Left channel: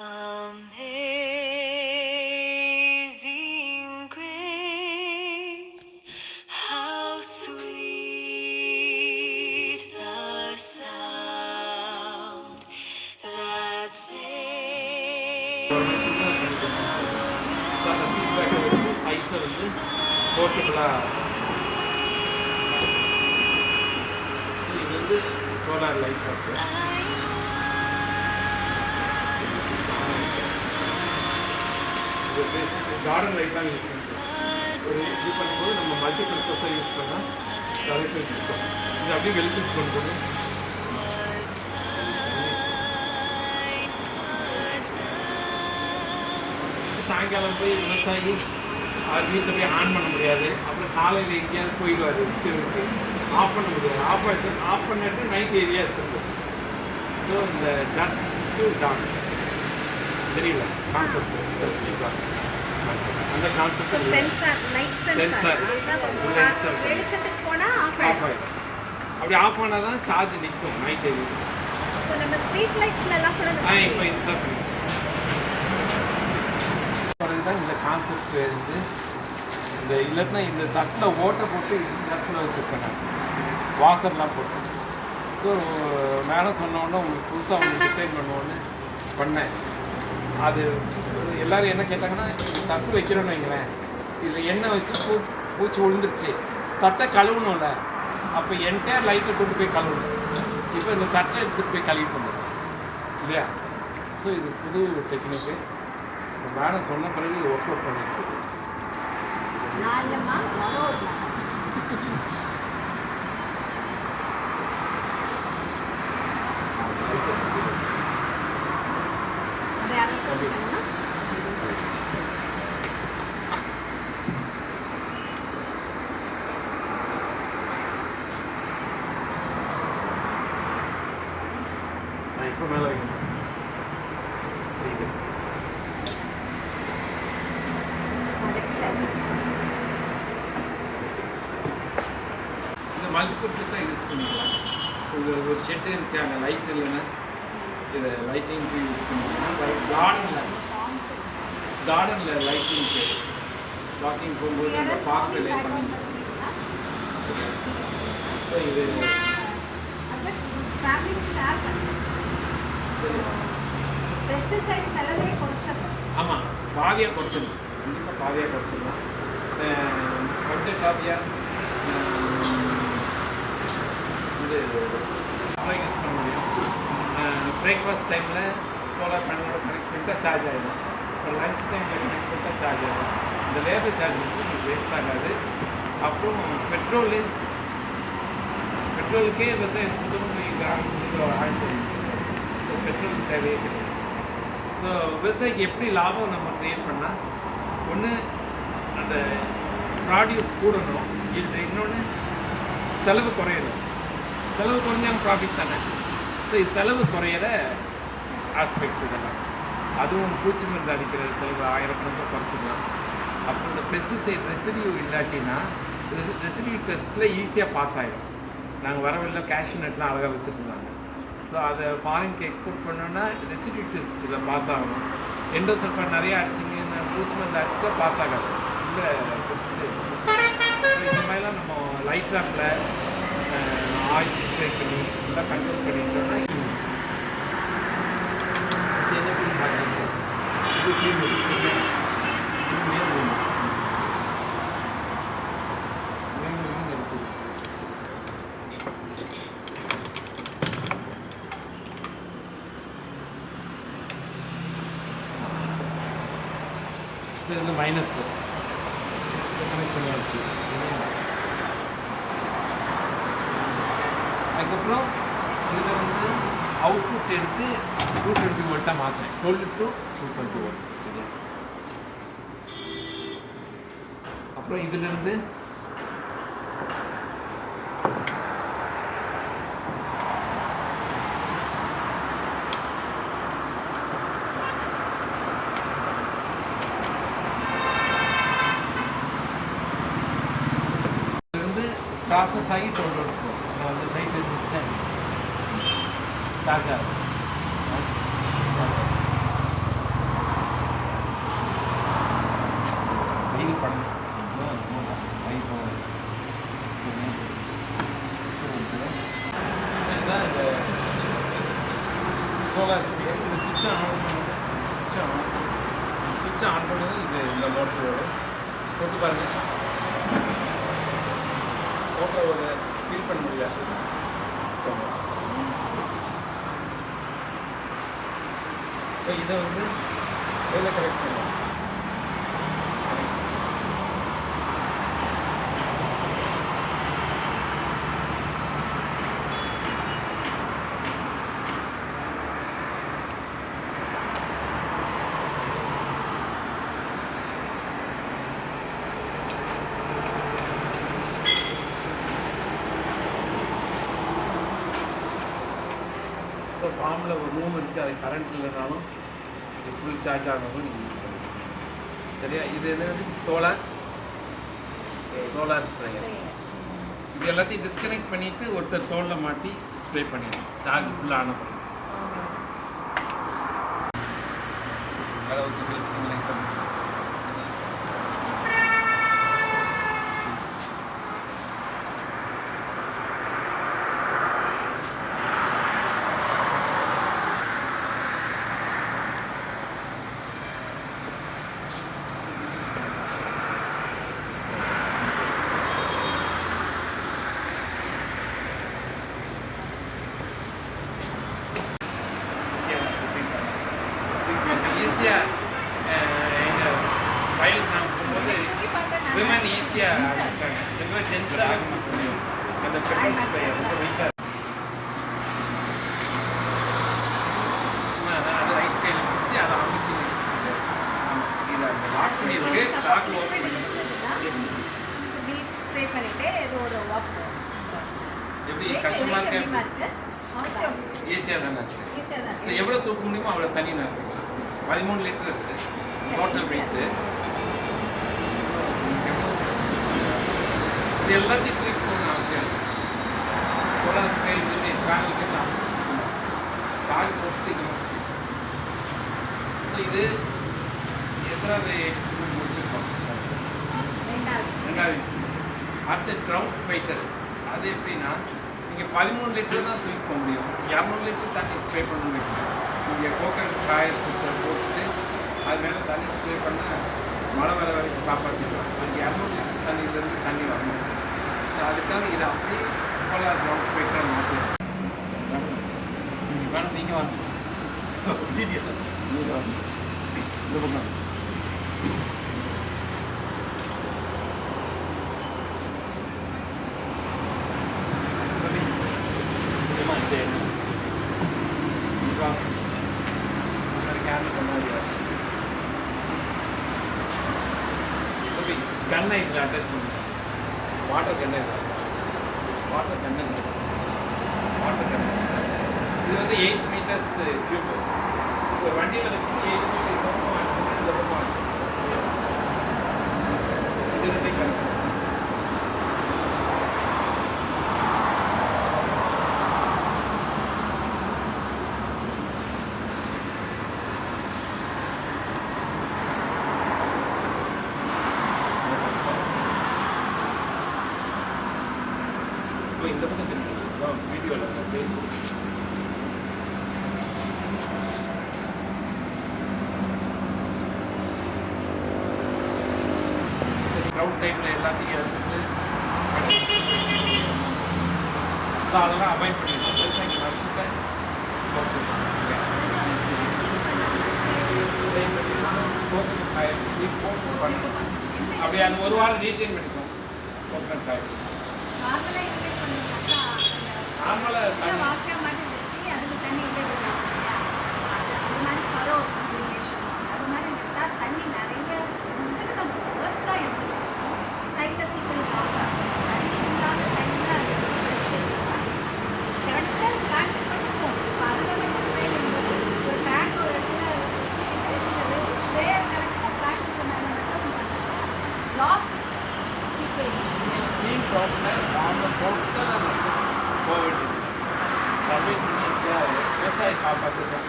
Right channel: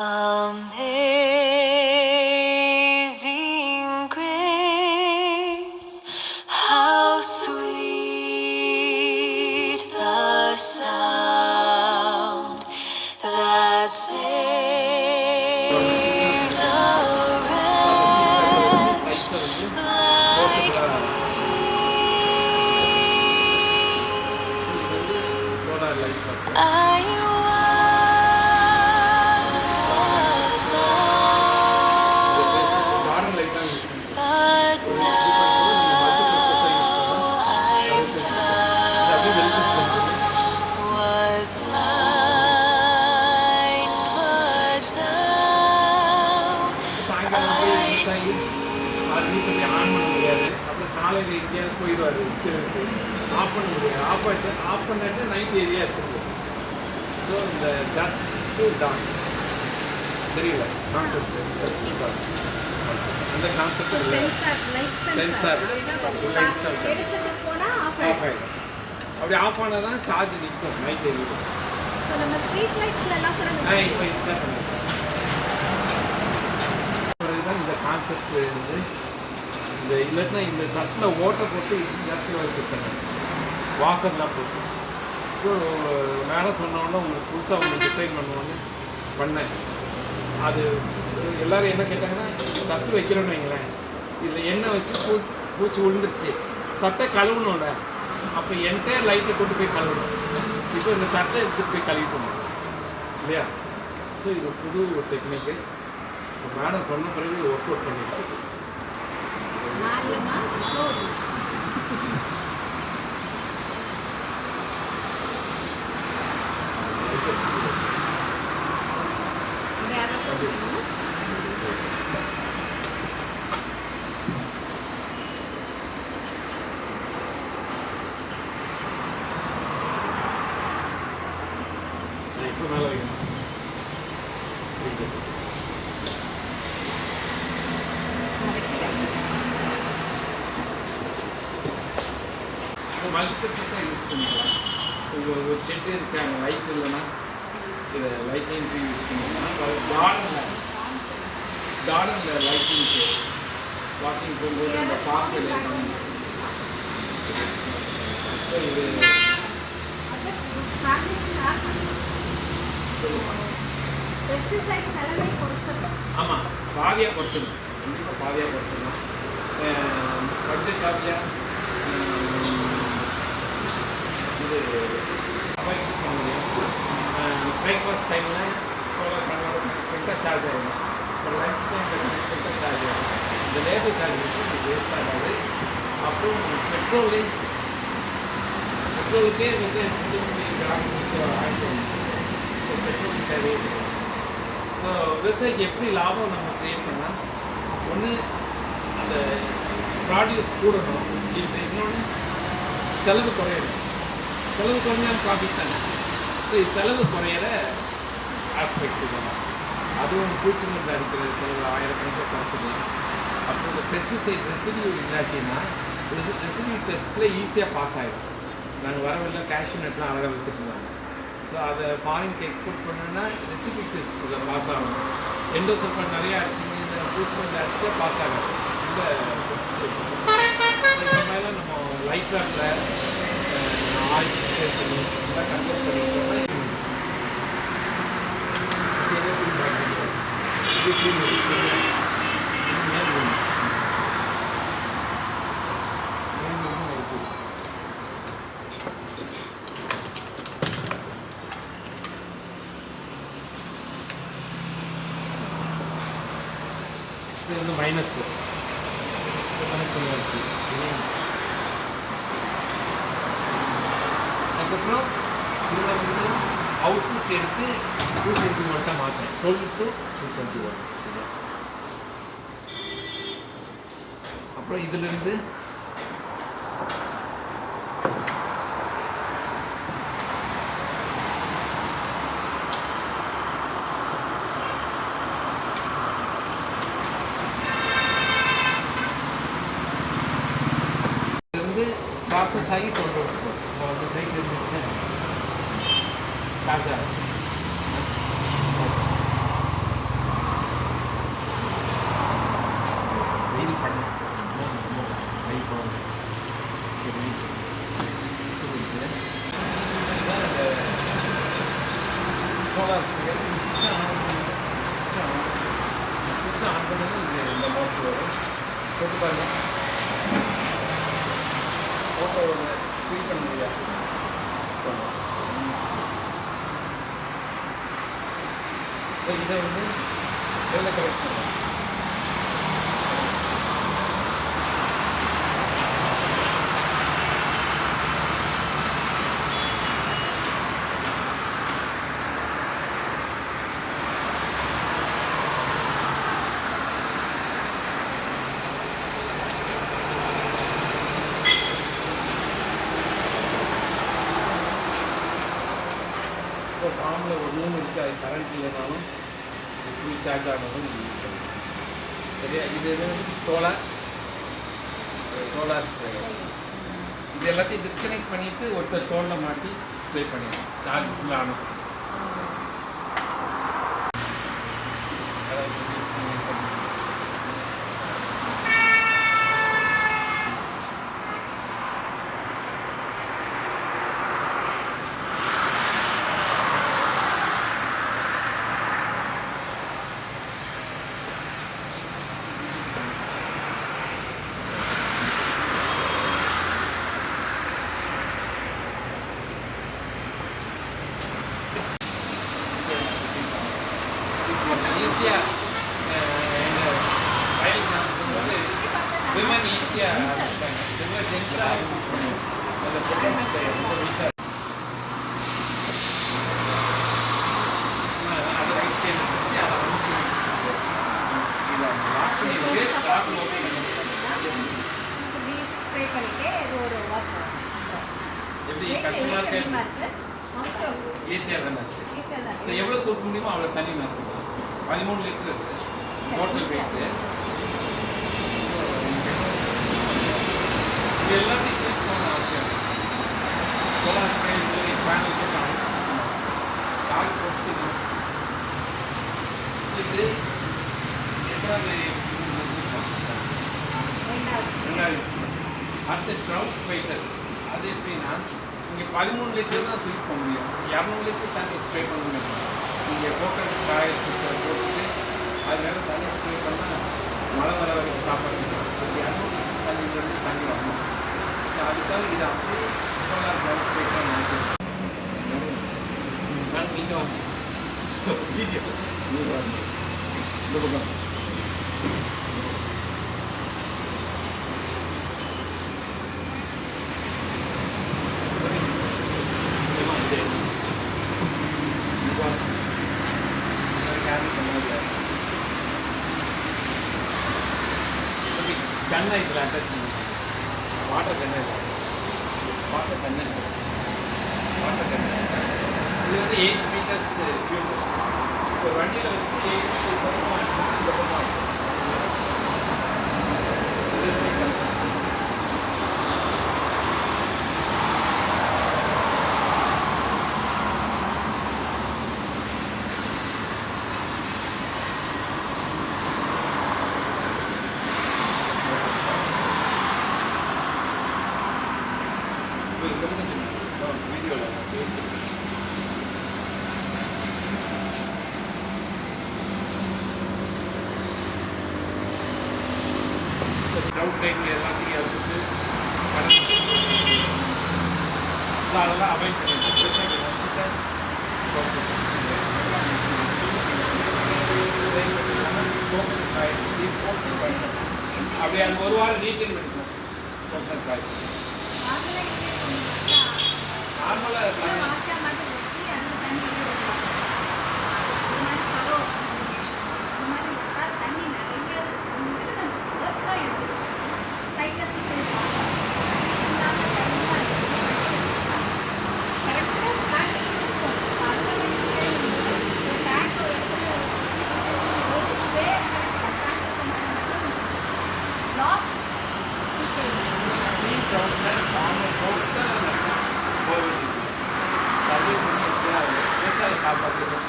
Amazing grace, how sweet the sound that saved a wretch like me. I was garden லைட்டாக use பண்ணுறோம். ஒரு இது பண்ணும்போது நம்ம மல்டி பர்பஸாக யூஸ் பண்ணால் கரெக்டாக சிஸ்டம் இது அப்படியே வெளிச்சத்து பண்ணுறது. சாயங்காலம் போய் விவசாயி வீட்டில் போய் ஆன் பண்ண முடியாது. அப்புறம் காலையில் எங்கேயாவது போயிடுவார் விற்கிறதுக்கு ஆஃப் பண்ண முடியாது. ஆஃப் பண்ணிட்டு நைட் ஏரியா இருக்கும். ஸோ இந்த டஸ்ட்டு டான் தெரியல கான்செப்ட் டஸ்டி டான் அந்த கான்செப்ட் சென்சார் சென்சார் உள்ள வெளிச்சத்துக்கு போனா ஆஃப் ஆயிடும். அப்படி ஆஃப் ஆனால் தான் சார்ஜ் நிற்கும் நைட் எரியும். ஸோ நம்ம ஸ்ட்ரீட் லைட்ஸ்ல எல்லாம் கூட இப்போ இன்ஸ்டால் பண்ணிக்கலாம். தான் இந்த கான்செப்ட் வந்து இந்த இல்லைன்னா இந்த தட்டில் ஓட்டை போட்டு இந்த இடத்துல வச்சுருப்பேன் வாசர்லாம் போட்டு. ஸோ மேடம் சொன்னோன்னே உங்களுக்கு புதுசாக ஒன்று டிசைன் பண்ணுவோன்னு பண்ணேன். அது எல்லோரும் என்ன கேட்டாங்கன்னா தட்டு வைக்கிறோன்னு வைங்களேன், இதில் எண்ணெய் வச்சு பூச்சி விழுந்துருச்சு, தட்டை கழுவணும்ல, அப்போ என்டையர் லைட்டை கொண்டு போய் கழுவணும். இப்போ இந்த தட்டை எடுத்துகிட்டு போய் கழுவிட்டு வந்துடும் இல்லையா? ஸோ இது புது டெக்னிக்கு. இப்போ மேடம் சொன்ன பிறகு ஒர்க் அவுட் பண்ணிட்டு இப்போ மேலே வைக்கணும். இந்த மல்டிபிள் பீஸாக யூஸ் பண்ணிக்கலாம். இது ஒரு ஷெட்டு இருக்காங்க, லைட் இல்லைன்னா இதை லைட்டிங்க்கு யூஸ் பண்ணிக்கலாம். கார்டனில் லைட்டிங்க்கு வாக்கிங் போகும்போது அந்த பார்க்கில் லைட் பண்ணி யூஸ் பண்ணிக்கலாம். ஸோ இது ஆமாம் பாதியாக குறைச்சிடலாம், கண்டிப்பாக பாதியாக குறைச்சிடலாம். பட்ஜெட் காப்பியாக இது அதான் யூஸ் பண்ண முடியும். பிரேக்ஃபாஸ்ட் டைமில் சோலார் பேனலோட கனெக்ட் பண்ணிட்டால் சார்ஜ் ஆகிடும். இப்போ லன்ச் டைமில் கனெக்ட் பண்ணிட்டால் சார்ஜ் ஆகிடும். இந்த லேபர் சார்ஜ் வந்து உங்களுக்கு வேஸ்ட் ஆகாது. அப்புறம் பெட்ரோலுக்கே விவசாயம் போய் கிராமத்துக்கு ஆகிட்டு ஸோ பெட்ரோல் தேவையே கிடையாது. ஸோ விவசாயிக்கு எப்படி லாபம் நம்ம க்ரியேட் பண்ணால், ஒன்று அந்த ப்ராடியூஸ் கூடணும், இது இன்னொன்று செலவு குறையணும். செலவு குறைஞ்சாலும் ப்ராஃபிட் தானே. ஸோ இது செலவு குறையிற ஆஸ்பெக்ட்ஸ் இதெல்லாம். அதுவும் பூச்சி மருந்து அடிக்கிற செலவு ஆயிரக்கணக்கில் குறைச்சிடலாம். அப்புறம் இந்த பெஸ்டிசைட் ரெசிடியூ இல்லாட்டினா ரெசிடியூ டெஸ்ட்டில் ஈஸியாக பாஸ் ஆகிடும். நாங்கள் வரவில்லை கேஷ்யூ நட்லாம் அழகாக விற்றுட்டுருந்தாங்க. ஸோ அதை ஃபாரினுக்கு எக்ஸ்போர்ட் பண்ணோன்னா ரெசிடியூ டெஸ்ட்டில் பாஸ் ஆகணும். எண்டோசல்ஃபேட் நிறையா அடிச்சிங்க, இந்த பூச்சி மருந்து அடித்தா பாஸ் ஆகாது இந்த பெஸ்டிசைட். ஸோ இந்த மாதிரிலாம் நம்ம லைட் ட்ராப்பில் ஆயில் ஸ்ப்ரே பண்ணி எல்லாம் கண்ட்ரோல் பண்ணிட்டோம்னா இது க்ளீன் இது மேல் ஒன்று இருக்குது. ஸோ இந்த மைனஸ் கனெக்ட் பண்ணியாச்சு. அதுக்கப்புறம் இதில் வந்து அவுட்புட் எடுத்து 220 வோல்ட்டாக மாற்றேன். 12 to 220 வோல்ட் சரியா? அப்புறம் இதிலேருந்து ப்ராசஸ் ஆகி 12 இருக்கும். நான் வந்து நைட் இருந்துச்சேன் சார்ஜ் ஆகுது. சோலார் ஸ்ப்ரேயர் இது சுவிட்சை ஆன் பண்ணது சுவிட்சை ஆன் பண்ணது இது இந்த மோட்டர் வரும் போட்டு பாருங்கள் மோட்டரோட ஃபீல் பண்ண முடியாது ஸோ இதை வந்து எவ்வளோ கரெக்ட் பண்ணுவோம் ஸோ ஃபார்மில் ஒரு ரூம் இருக்குது அது கரண்ட் இல்லைனாலும் ஃபுல் சார்ஜ் ஆனதும் இது யூஸ் பண்ணுவோம் சரியா இது சோலார் ஸ்ப்ரேயர் இது எல்லாத்தையும் டிஸ்கனெக்ட் பண்ணிவிட்டு ஒருத்தர் தோலில் மாட்டி ஸ்ப்ரே பண்ணிடணும் சார்ஜ் ஃபுல்லாக ஆன பண்ணணும் ஈஸியாக எங்கள் வயல் நான் போகும்போது விமன் ஈஸியாக ஆரம்பிச்சிட்டாங்க இதுவே ஜென்ஸாக அந்த பெட்ரோல் ஸ்ப்ரே ரொம்ப வெயிட்டாக அதை ரைட் கையில் வச்சு அதை அமுக்கி இதை அந்த லாக் பண்ணி வேஸ்ட் லாக் ஓப்பன் பண்ணி ஸ்ப்ரே பண்ணிட்டு இது ஒரு வாக் எப்படி கஷ்டமாக இருக்கு ஈஸியாக தானே ஸோ எவ்வளோ தூக்க முடியுமோ அவ்வளோ தண்ணி நினைச்சிக்கலாம் 13 லிட்டர் இருக்குது டோட்டல் வெயிட்டு இது எல்லாத்தையும் க்ளீன் பண்ண அவசியம் இல்லை சோலார் ஸ்ப்ரே சொல்லி ஃபேனுக்கு சார்ஜ் போட்டு ஸோ இது எத்தனாவது முடிச்சிருக்கோம் ரெண்டாவது அடுத்த க்ரௌண்ட் ஃபைட்டர் அது எப்படின்னா இங்கே 13 லிட்டர் தான் தூக்கி போக முடியும் 200 லிட்டர் தண்ணி ஸ்ப்ரே பண்ண வைக்கணும் நீங்கள் கோகனட் காய போட்டு அது மேலே தண்ணி ஸ்ப்ரே பண்ணால் மழை வர வரைக்கும் காப்பாற்றிடலாம் அது 200 லிட்டர் தண்ணியிலேருந்து தண்ணி வரணும் ஸோ அதுக்காக இதை அப்படியே சோலார் க்ரௌண்ட் ஃபைட்டராக மாற்றிடுறோம் நீங்கள் வாங்க வீடியோ நீங்கள் வாங்க இந்த பக்கம் கண்ணை இதில் அட்டாச் பண்ணி வாட்டர் கண்ணை வாட்டர் கண்ணை இது வந்து 8 மீட்டர்ஸ் ஃபியூல் இப்போ வண்டியில் வச்சு 8 மீட்டர் பக்கம் அடிச்சு இந்த பக்கம் அடிச்சு இது வந்து கண்ணை இந்த பக்கம் வீடியோவில் பேசி க்ரௌட் டைமில் எல்லாத்தையும் எடுத்துட்டு ஸோ அதெல்லாம் அவாய்ட் பண்ணிடலாம் விவசாயி வருஷத்தை கோகனட் காயில் போட்டு பண்ணணும் அப்படி அது ஒரு வாரம் ரீட்டைன் பண்ணிக்கணும் கோகனட் காயில் தண்ணி நிறைய எடுத்துக்கணும் சைக்கிள் சீக்கிரம் கரெக்டாக பிளான் கொடுப்போம் அதில் ஒரு டேங்க் ஒரு இடத்துல ஸ்ப்ரே பிளான் பண்ணால மட்டும் லாஸ் ஸ்டீம் க்ரௌட்டில் ஃபார்மர் க்ரௌட் தான் கோவிட் சர்வே பண்ணி வச்சு விவசாயி காப்பாற்றிடலாம்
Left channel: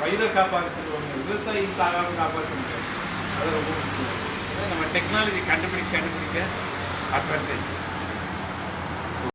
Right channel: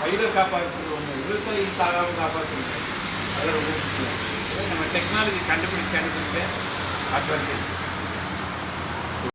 வயிறை காப்பாற்றுறது ஒன்று விவசாயி சாகாமல் காப்பாற்றுறது அது ரொம்ப முக்கியம் நம்ம டெக்னாலஜி கண்டுபிடிக்க அட்வான்டேஜ்